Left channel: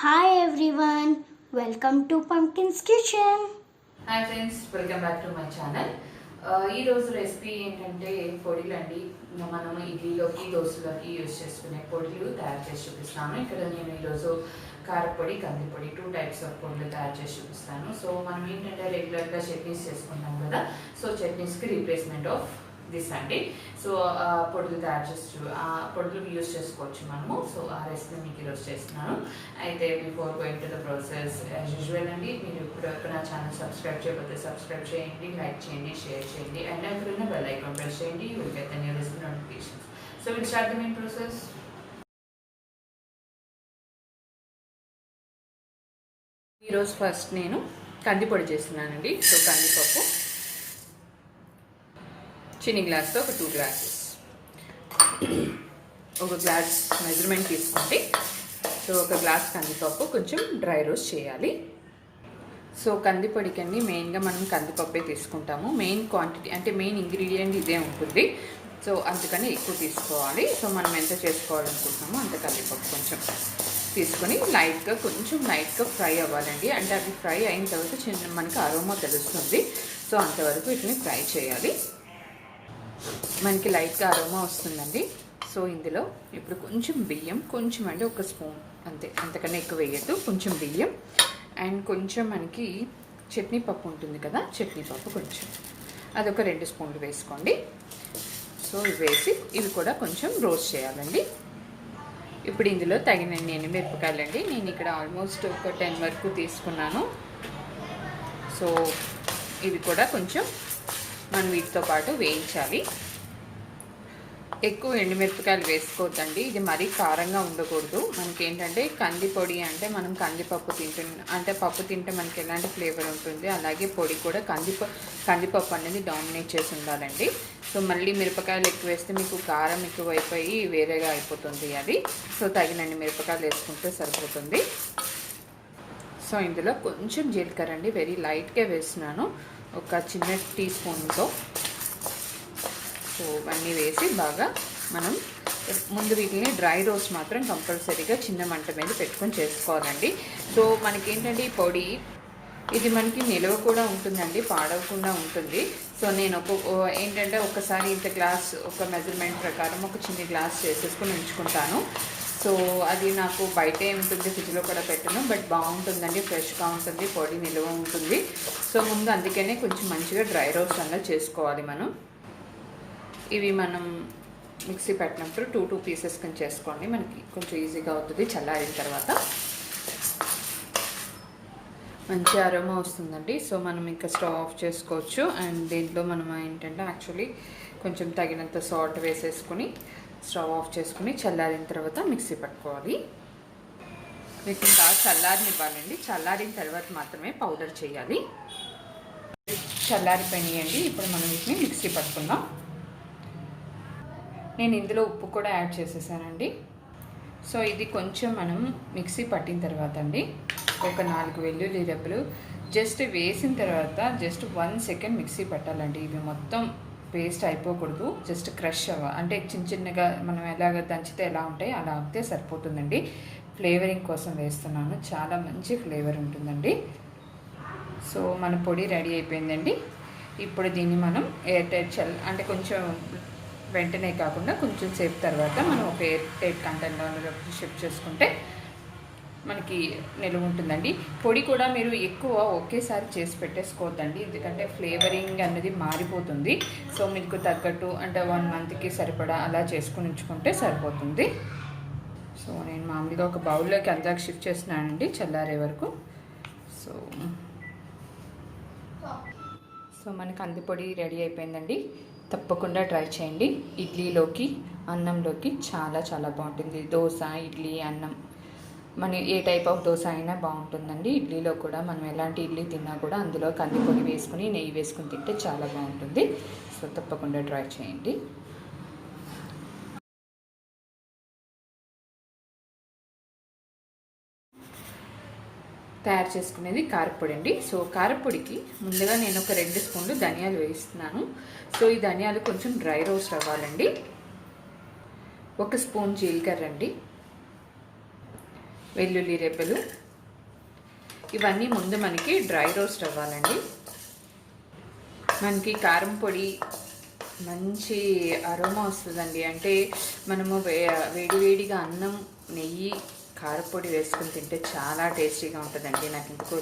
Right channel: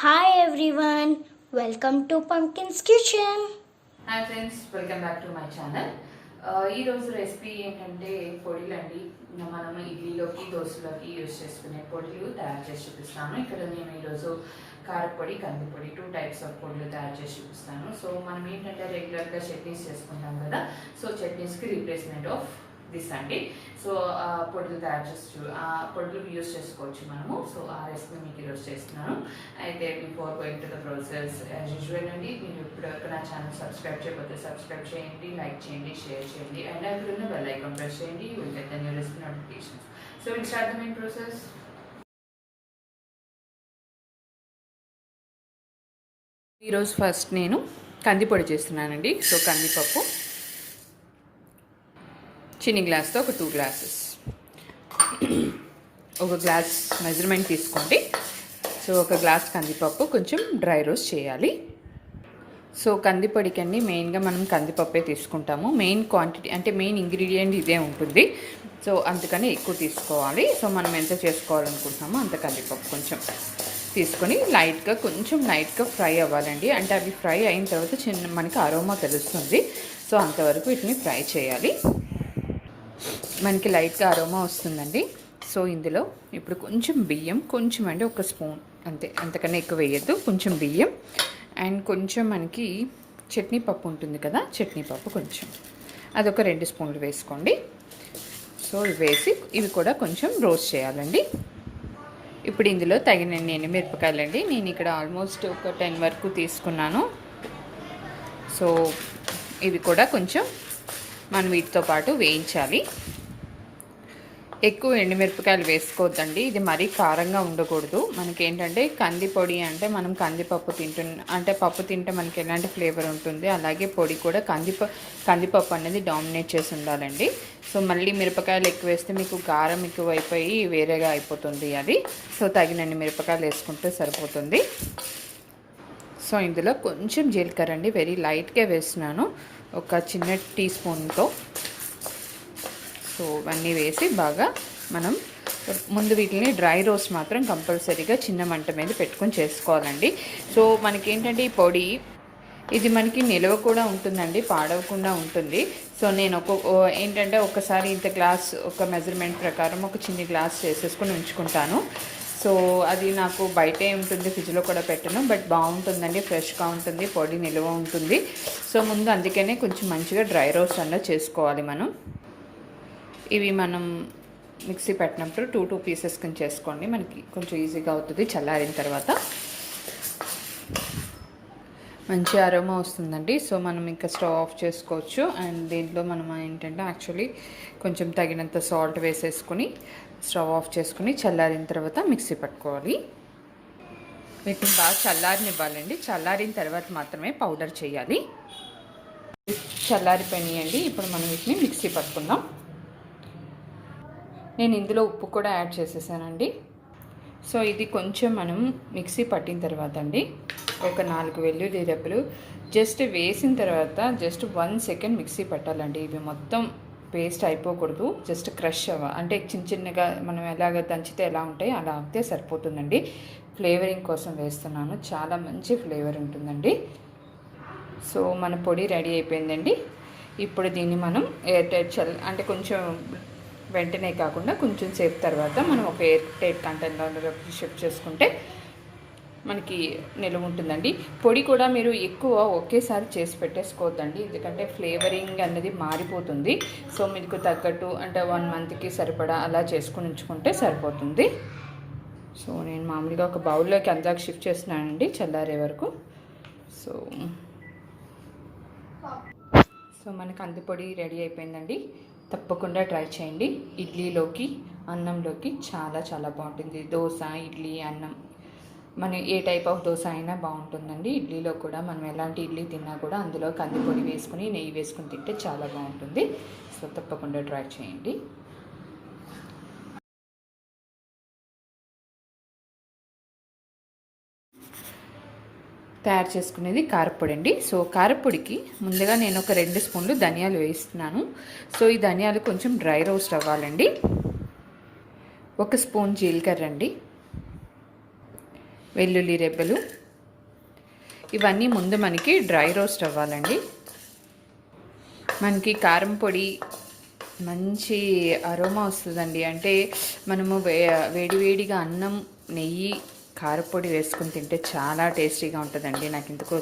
Hi everyone, welcome to Pumpkin's Kitchen. Hi friends, welcome back to my channel. ఈరోజు recipe ఏంటంటే పొడిలు అండి. మనం ఇడ్లీలోకి దోశలోకి యూజ్ చేసుకునే పొడిలు తయారు చేసి చూపిస్తాను. ఇక్కడ నేను ఈరోజు కారపొడి, కందిపొడి 2 టైప్స్ ఆఫ్ పొడులు తయారు చేసి చూపిస్తాను. సో మనం ఏంటంటే రెగ్యులర్గా చట్నీస్ చేసుకుంటాం కదా, సో చట్నీస్కి రీప్లేస్మెంట్ ఆఫ్ దిస్ అండి. సో పొడులు తయారు చేసి పొడులు యూజ్ చేసుకోవచ్చు మనము. సో ఆ రెసిపీ మీకు ఈరోజు చేస్తున్నాను. అయితే before going to the process as usual అండి, మీరు ఇప్పుడు నా ఛానల్ సబ్స్క్రైబ్ చేయకపోతే సబ్స్క్రైబ్ చేయండి, లైక్ చేయండి, షేర్ చేయండి, అండ్ అక్కడున్న బెల్ ఐకాన్ ప్రెస్ చేయండి. You will get the new recipe notifications. So will start the main process. ఈరోజు ఫస్ట్ నేను కందిపొడి చేస్తున్నానండి. సో కందిపప్పు చిన్ని గ్లాస్తో ఒక 2 గ్లాసెస్, ఒక గ్లాస్ మెజర్మెంట్ తీసుకోండి. సో ఒక గ్లాస్ కందిపప్పు కొంచెం డ్రై రోస్ట్ చేయాలి. సో కందిపొడికి అండి మెయిన్గా మనం కందిపప్పే తీసుకుంటాము. మెయిన్ క్వాంటిటీ అంటే మెయిన్ ఇంగ్రీడియంట్ ఇదే ఉంటుంది. సో అందుకని ఎక్కువ తీసుకోవాలి. సో మనం ఎంత చేసుకోవాలనుకుంటున్నామో అంత కందిపప్పు కొంచెం తీసుకొని కొంచెం లైట్గా ఫ్రై అవ్వాలండి. అంటే అవి ఫ్రై అయిన తర్వాత మనకి అరోమా తెలుస్తుంది. సో అంతవరకు వీటిని ఫ్రై చేయాలి. మనకి లైట్గా అరోమా వస్తుందండి. సో ఇందులో ఇప్పుడు కొంచెం బియ్యం, కొంచెం అంటే ఒక స్పూన్ అంతే, అంతకన్నా ఎక్కువ వేయద్దు. కొంచెం బియ్యం అండ్ కొంచెం మనకి చట్నీ పప్పు ఉంటుంది కదా, చట్నీ పప్పు కొంచెం, అదొక 2 స్పూన్లు వేసుకోండి. సో ఇవి వేసి ఇవి కూడా కొంచెం రోస్ట్ చేయాలండి. ఇప్పుడు ఇందులో తగినన్ని ఎండుమిరపకాయలండి. నేను ఇక్కడ ఆల్మోస్ట్ ఒక 10 వరకు తీసుకున్నాను. సో ఇవి కూడా కొంచెం మనం వీటితో పాటు వేయించాలి. ఎక్కువ ఎండుమిరపకాయలు వేసుకోవద్దండి, ఇది మరీ కారంగా ఉండకూడదు. మనకి ఏంటంటే కందిపొడి అంటే మనం కందిపప్పు అంటే పప్పు తింటే మనకి ఎలాంటి ఫ్లేవర్ ఉంటుంది, అలాగే పొడి కూడా కందిపప్పు అనేది డామినేట్ చేసి ఉండాలండి. సో మళ్ళీ మిరపకాయలు ఎక్కువ వేస్తే మీకు కారం ఎక్కువ అయిపోయి వేరేగా అయిపోతుంది అది. సో తగినన్ని మిరపకాయలు వేసుకుంటే సరిపోతుంది. సో ఇందులో కొంచెం జీలకర్ర అండి, వెరీ లైట్గా వేస్తున్నాను, ఒక చిన్న టీ స్పూన్తో. సో ఇవన్నీ వేసి బాగా మనం ముందు వీటిని డ్రై రోస్ట్ మాత్రం కంపల్సరీగా చిన్న మంట మీద పెట్టుకొని చేసుకోవాలండి. సో మనకేంటంటే ఈ పొడి ఇది మనకి నిల్వ కూడా ఉంటుందండి, పాడవకుండా ఉంటుంది. సో నేను ఏంటంటే ఒకసారి ఇంత గ్లాస్ ఒక మెజర్మెంట్ ప్రకారం ఒక చిన్న గ్లాస్ చేసేసుకొని ఉంచుకుంటాను. సో అది నాకు బయటే ఉంటుంది, ఫ్రిడ్జ్లో కూడా పెట్టను, బట్ బాగుంటుందండి, ఫ్రెష్గా ఉంటుంది, పొడి నిల్వ ఉంటుంది. సో ముందు అందుకనే కొంచెం మంచిగా డ్రై రోస్ట్ అలా చేసుకోవాలి మనం. ఇవి మనం మిక్సీ పెట్టినప్పుడు 2 పీసెస్ కింద చేసుకోండి, మనకి కొంచెం ఈజీగా అవుతుంది. చల్లారిన తర్వాత మంచి అరోమా వస్తుందండి. సో మనం ఇంకా స్టవ్ ఆఫ్ చేసుకోవచ్చు. అండ్ దీంట్లో మనం ఏంటంటే యాక్చువల్లీ కొంచెం తగినంత సాల్ట్ వేసేసుకుని స్టవ్ ఆఫ్ చేసుకుని చల్లారిన తర్వాత మిక్సీ పట్టుకోవాలి. వీటిని బాగా చల్లారనివ్వాలండి. చల్లారిన తర్వాత మాత్రమే పౌడర్ చేయాలి. చల్లారిపోయినాయండి. ఇప్పుడు మనం వీటిని మిక్సీ పట్టుకుందాం. నేను ఇందులో ఉప్పు కూడా యాడ్ చేసేసానండి. సో ఇది కొంచెం మనం మిక్సీ పట్టిన తర్వాత అండి ఒక 4 వెల్లుల్లి రెబ్బలు జస్ట్ వేసిన తర్వాత జస్ట్ 1 సెకండ్ మిక్సీ పట్టాలండి. ఇవి మొత్తం పేస్ట్ అయిపోకూడదు, జస్ట్ క్రష్ అంటే చిన్నగా మనం ఎలాగ దంచితే ఎలా ఉంటాయి అలా అయితే సరిపోతుందండి. ఫ్లేవరింగ్ కోసం వేస్తున్నాను, చాలా మంచి ఫ్లేవర్ ఉంటుందండి. సో మన పొడి రెడీ అయిపోయిందండి. ఇప్పుడు దీన్ని మనం ఎయిర్ టైట్ అంటే కొంచెం వెంటనే కాకుండా కొంచెం సేపు తర్వాత మనం ఒక ఎయిర్ టైట్ కంటైనర్లో షిఫ్ట్ చేసుకుంటే మనకి నిల్వ ఉంటుందండి. పొడి కూడా మీరు ఎక్కువ ఒకేసారి చేసి పెట్టేసుకోవద్దండి, ఎందుకంటే ఫ్లేవరింగ్ అనేది మారిపోతుంది. సో మీకు తగ్గట్టు అంటే 1 మంత్కి సరిపడా అలా చేసుకుని ఉంచుకుంటే సరిపోతుంది. సో నేను మామూలుగా ఒక బౌల్లోకి అందాక షిఫ్ట్ చేస్తున్నానండి చల్లారే వరకు. సో మన కందిపొడి రెడీ అయిపోయిందండి. తప్పకుండా ట్రై చేయండి. ఇడ్లీలోకి, అన్నంలోకి చాలా చాలా బాగుంటుంది. దోశ, ఇడ్లీ, అన్నం, మన ఏ టైప్ ఆఫ్ దోశ అయినా బాగుంటుందండి. ఇడ్లీలో కూడా మనం ఎలాంటి ఇడ్లీ తిన్నా కూడా అందులో కందిపొడి వేసుకుని నెయ్యి వేసుకుని తింటే చాలా బాగుంటుంది. సో తప్పకుండా ట్రై చేయండి. తయారు చేసుకునేది కారపొడి అండి. సో కారపొడికి ముందుగా నేను ఒక 2 స్పూన్లు ధనియాలు వేస్తున్నాను. సో ఈ ధనియాలు కొంచెం డ్రై రోస్ట్ అవ్వాలండి. 1 స్పూన్ జీలకర్ర అండి, వెల్లుల్లి రెబ్బలు. ఇవన్నీ ముందు మనకి డ్రై రోస్ట్ అవ్వాలండి. మనకి కారం పొడి మంచి అరోమా వస్తుందండి. అంటే మనము వేడివేడిగా అన్నం, నెయ్యి, కారపొడి వేసుకుని తింటే చాలా టేస్టీగా ఉంటుందండి. నాకు ఇందుకు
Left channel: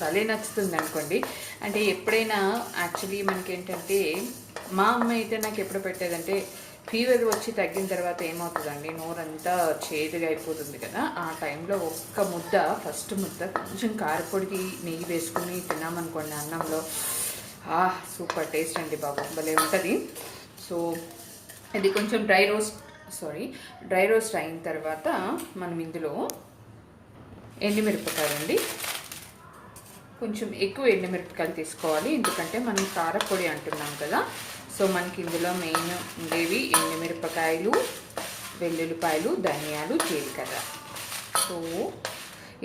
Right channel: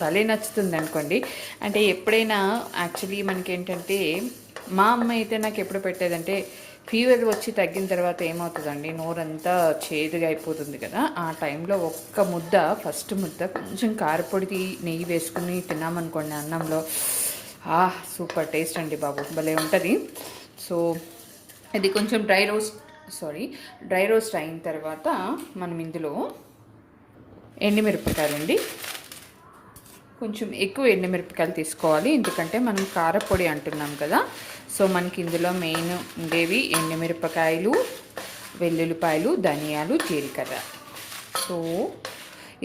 భలే నచ్చుతుంది అనుకోండి. అంటే ఎప్పుడైనా యాక్చువల్లీ మనకి ఏంటంటే మా అమ్మ అయితే నాకు ఎప్పుడు పెట్టేదంటే ఫీవర్ వచ్చి తగ్గిన తర్వాత ఏమవుతుందండి, నోరంతా చేదుగా అయిపోతుంది కదా, ఆ టైంలో ఒక్క ముద్ద, ఫస్ట్ ముద్ద కొంచెం కారపొడి నెయ్యి వేసుకుని తిన్నామనుకోండి అన్నంలో, సూపర్ టేస్ట్ అండి బాబు, భలే ఉంటుంది. సో ఇది కొంచెం డ్రై రోస్ట్ అయిన తర్వాత మనం ఇందులో ఎండుమిరపకాయలండి, కొంచెం ఎక్కువ ఎండుమిరపకాయలు తీసుకోవాలి, ఎందుకంటే మనం కారపొడి అంటున్నాం కదా. సో మనకి ఇందులో మెయిన్ ఉండేవి ఎండుమిరపకాయలు, వెల్లుల్లిపాయలు, ధనియాలు, జీలకర్ర. సో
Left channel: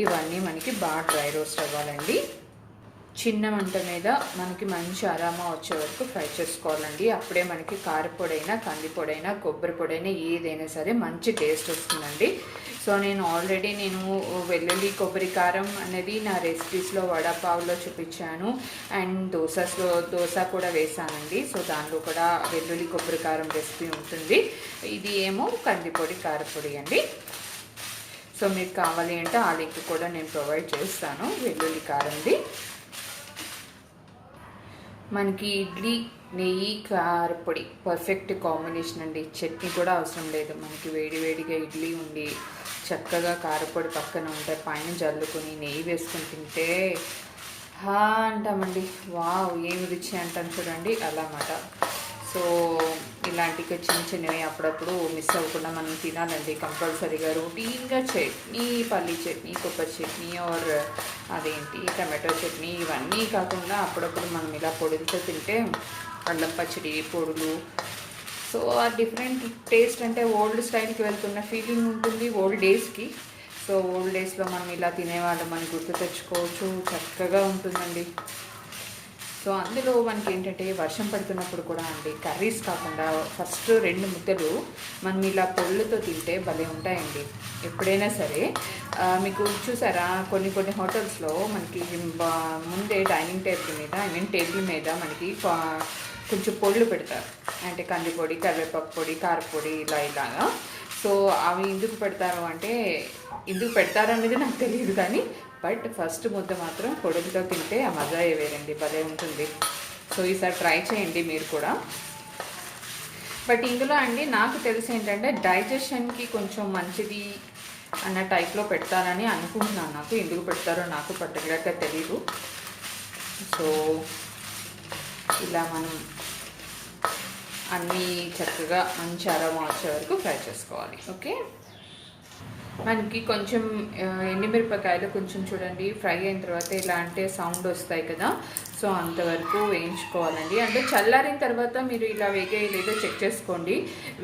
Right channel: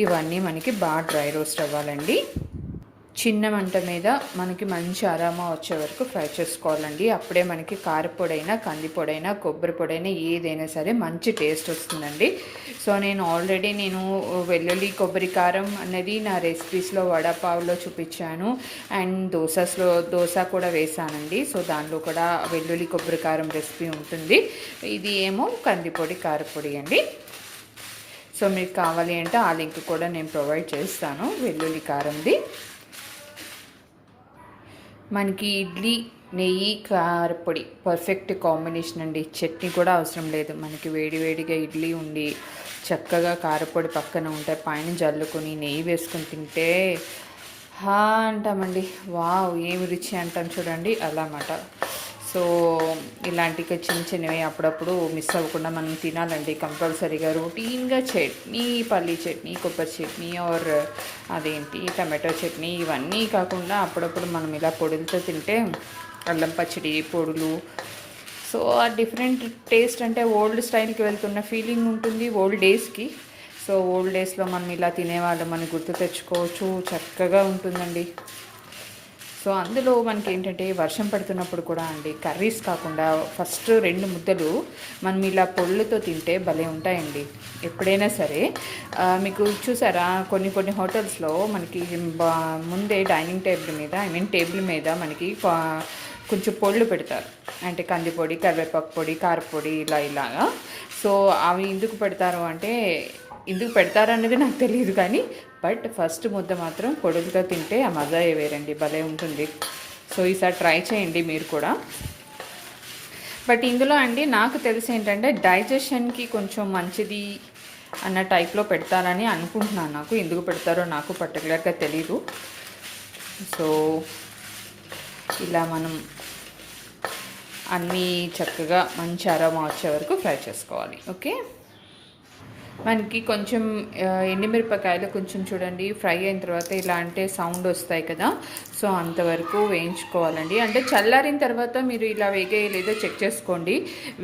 ఇవన్నీ మనకి బాగా డ్రై రోస్ట్ అవ్వాలండి. చిన్న మంట మీద మనకి మంచి అరామా వచ్చే వరకు ఫ్రై చేసుకోవాలండి. అప్పుడే మనకి కారపొడైనా, కందిపొడైనా, కొబ్బరి పొడైనా ఏదైనా సరే మంచి టేస్ట్ వస్తుందండి. సో నేను ఆల్రెడీ వెల్లుల్లి కొబ్బరి కారం అనేది నా రెసిపీస్లో వడాపావులో చూపించాను, అండ్ దోశ కూడా వేసానండి. సో దానిలో కూడా వెల్లుల్లి కొబ్బరి కారం రెసిపీ ఉంటుంది. ఇది ఏమో కందిపొడి కారపొడి అండి. సో మీకు కావాలి అంటే ఆ లింక్ కూడా నేను ప్రొవైడ్ చేస్తాను, వెల్లుల్లి కారంది. మనకి ఇడ్లీ, నెయ్యి, కారపొడి పర్ఫెక్ట్ కాంబినేషన్ అండి. చట్నీ కూడా అవసరం లేదు. మనకి వేడివేడిగా ఇడ్లీ ఉండి చక్కగా కారపొడి పక్కన ఉంటే పైన జల్లుకొని నెయ్యి వేసుకొని తింటే అంటామండి, వావ్ ఏమి రుచి అంటాం చూడండి, అలా అన్నమాట. సో ఇలాంటి చిన్నవి అప్పుడప్పుడు మిస్ అవ్వకుండా మనం తినాలండి కంపల్సరీగా. రొటీన్గా చట్నీ, పల్లీ చట్నీ, కొబ్బరి చట్నీ ఆర్ టమాటో చట్నీ ఇవన్నీ కాకుండా అప్పుడప్పుడు మనం ఇలా పొడులతో తింటే, అల్లం పచ్చడి, పొడులు, సో ఆ డిఫరెంట్ టేస్ట్, అంటే ఓల్డ్ స్టైల్కి వెళ్తున్న ఫీలింగ్ ఉంటుంది ఓల్డ్ డేస్కి. సో ఓల్డ్ డేస్లో మనం ఇలా తినేవాళ్ళం మనం గుర్తు తెచ్చుకోవచ్చు, చక్కగా ఉంటుందండి. సో అందులో మనకి ఏంటంటే వర్షం పడుతున్నప్పుడు కూడా అండి, కర్రీస్ కాకుండా ఫస్ట్ 2 ముద్దలు మనం ఇలా పొళ్ళుతో తింటే భలే ఉంటాయండి. ఎప్పుడైనా సరే మీకు చూసారా, కొన్ని హోటల్స్లో మనకి ముందే డైనింగ్ టేబుల్ మీద మనకి కొంచెం పొళ్ళు పెడతారు, అంటే కందిపొడి, కరివేపాకు పొడి, కారపొడి, ఇలాగా. సో అవి ఎందుకు పెడతారనేది నాకు తెలియదు కానీ, బట్ ఫస్ట్ ముద్ద మాత్రం పొడులతో తింటే ఆ మజా వేరండి, భలే ఉంటుంది. సో ఈసారి ట్రై చేయండి మీరు కూడా. బట్ ఇందులో అండి నాకు తెలిసి ఏంటంటే డైజెషన్కి కొంచెం మంచిది అన్న టైప్లో పెడతారని అనుకుంటున్నాను. నాకు ఎందుకు పెడతారో నాకు పర్టికులర్గా తెలీదు. సో ఇలా మనం అన్నీ చక్కగా మంచి అరోమా వచ్చే వరకు ఫ్రై చేసుకోవాలి. ఓకే, మనకి కొంచెం ఎండుమిరపకాయలు కొంచెం చూడండి ఫ్రై అయిన తర్వాత ఇలా అంటే సౌండ్ వస్తాయి కదా, సో అంతవరకు వేయించుకోవాలండి. అంటే చల్లారిన తర్వాత మీరు ఇలా వేగేయలేదో చెక్ చేసుకోండి.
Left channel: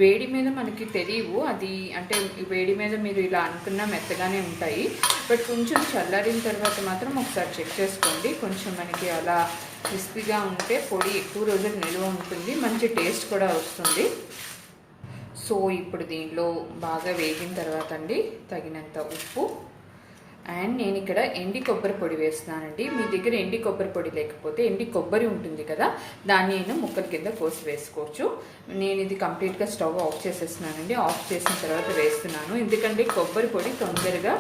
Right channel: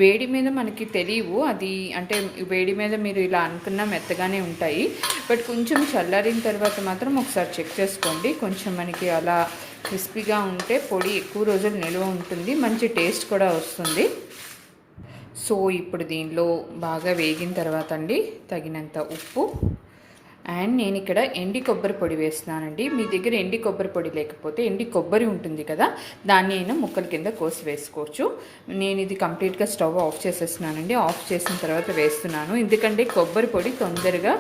వేడి మీద మనకి తెలియవు, అది అంటే వేడి మీద మీరు ఇలా అనుకున్నా మెత్తగానే ఉంటాయి, బట్ కొంచెం చల్లారిన తర్వాత మాత్రం ఒకసారి చెక్ చేసుకోండి. కొంచెం మనకి అలా క్రిస్పీగా ఉంటే పొడి ఎక్కువ రోజులు నిల్వ ఉంటుంది, మంచి టేస్ట్ కూడా వస్తుంది. సో ఇప్పుడు దీనిలో బాగా వేగిన తర్వాత అండి తగినంత ఉప్పు, అండ్ నేను ఇక్కడ ఎండి కొబ్బరి పొడి వేస్తున్నానండి. మీ దగ్గర ఎండి కొబ్బరి పొడి లేకపోతే ఎండి కొబ్బరి ఉంటుంది కదా, దాన్ని నేను ముక్కల కింద కోసి వేసుకోవచ్చు. నేను ఇది కంప్లీట్గా స్టవ్ ఆఫ్ చేసేస్తున్నానండి. ఆఫ్ చేసిన తర్వాత వేస్తున్నాను, ఎందుకంటే కొబ్బరి పొడి తొందరగా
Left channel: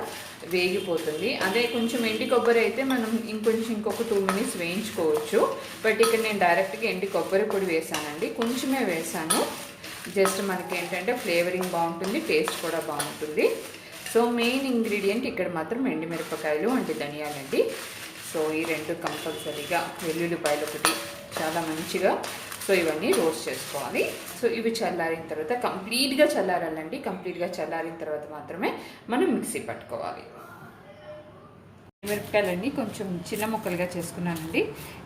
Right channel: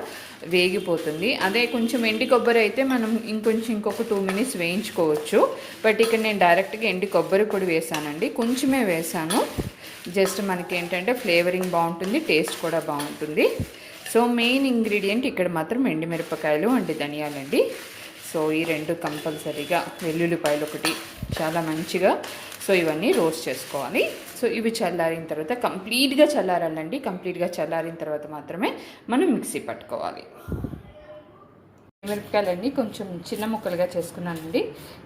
వేగిపోతుంది. అదే కొంచెం ఎండి కొబ్బరి అయితే మనం ఇంకొక 2 minutes వేయించుకోవచ్చు. బట్ ఇక్కడ నేను డైరెక్ట్గా ఎండి కొబ్బరి పొడి వేసానండి, కొంచెమే వేసాను. జస్ట్ మనకి ఏంటంటే ఫ్లేవరింగ్ బాగుంటుంది, టేస్ట్ కూడా బాగుంటుంది. సో మెయిన్ ఇంగ్రీడియంట్ ఇక్కడ మాత్రం ఎండుమిరపకాయలు అండ్ ధనియాలండి. సో ఈ 2 కంపల్సరీగా, వెల్లుల్లిపాయలు ఒకటి, చాలా మంచిగా. సో ఇవన్నీ రోస్ట్ చేసుకోవాలి. సో ఇవి చల్లారిన తర్వాత కంప్లీట్గా చల్లారాలండి. కంప్లీట్గా చల్లారిన తర్వాత మాత్రమే మనం మిక్సీ పట్టుకోవాలి. మిరపకాయలన్నీ కొంచెం చిన్న ముక్కలుగా చేసుకున్నానండి.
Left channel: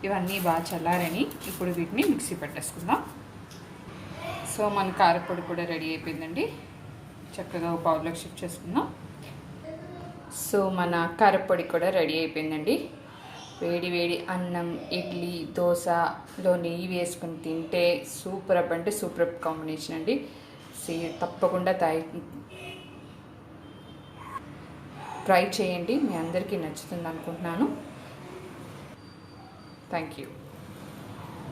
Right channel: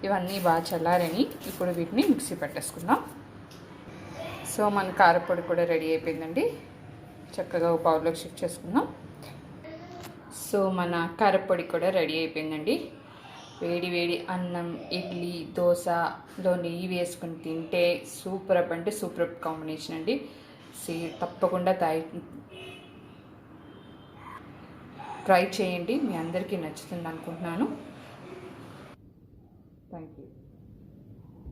ఇవన్నీ బాగా చల్లారని ఇప్పుడు వీటిని మిక్సీ పట్టేసుకుందాం. సో మన కారపొడి కూడా రెడీ అయిపోయిందండి. చక్కగా ఒక బౌల్లోకి షిఫ్ట్ చేసుకుందాం. సో మన కారపొడి కూడా రెడీ అయిపోయిందండి. వేడి అన్నం, ఇడ్లీ, దోశలో నెయ్యి వేసుకుని తింటే సూపర్ అంటే సూపర్ కాంబినేషన్ అండి. తప్పకుండా ట్రై చేయండి, మీ అందరికీ నచ్చుతుంది అనుకుంటున్నాను. Thank you.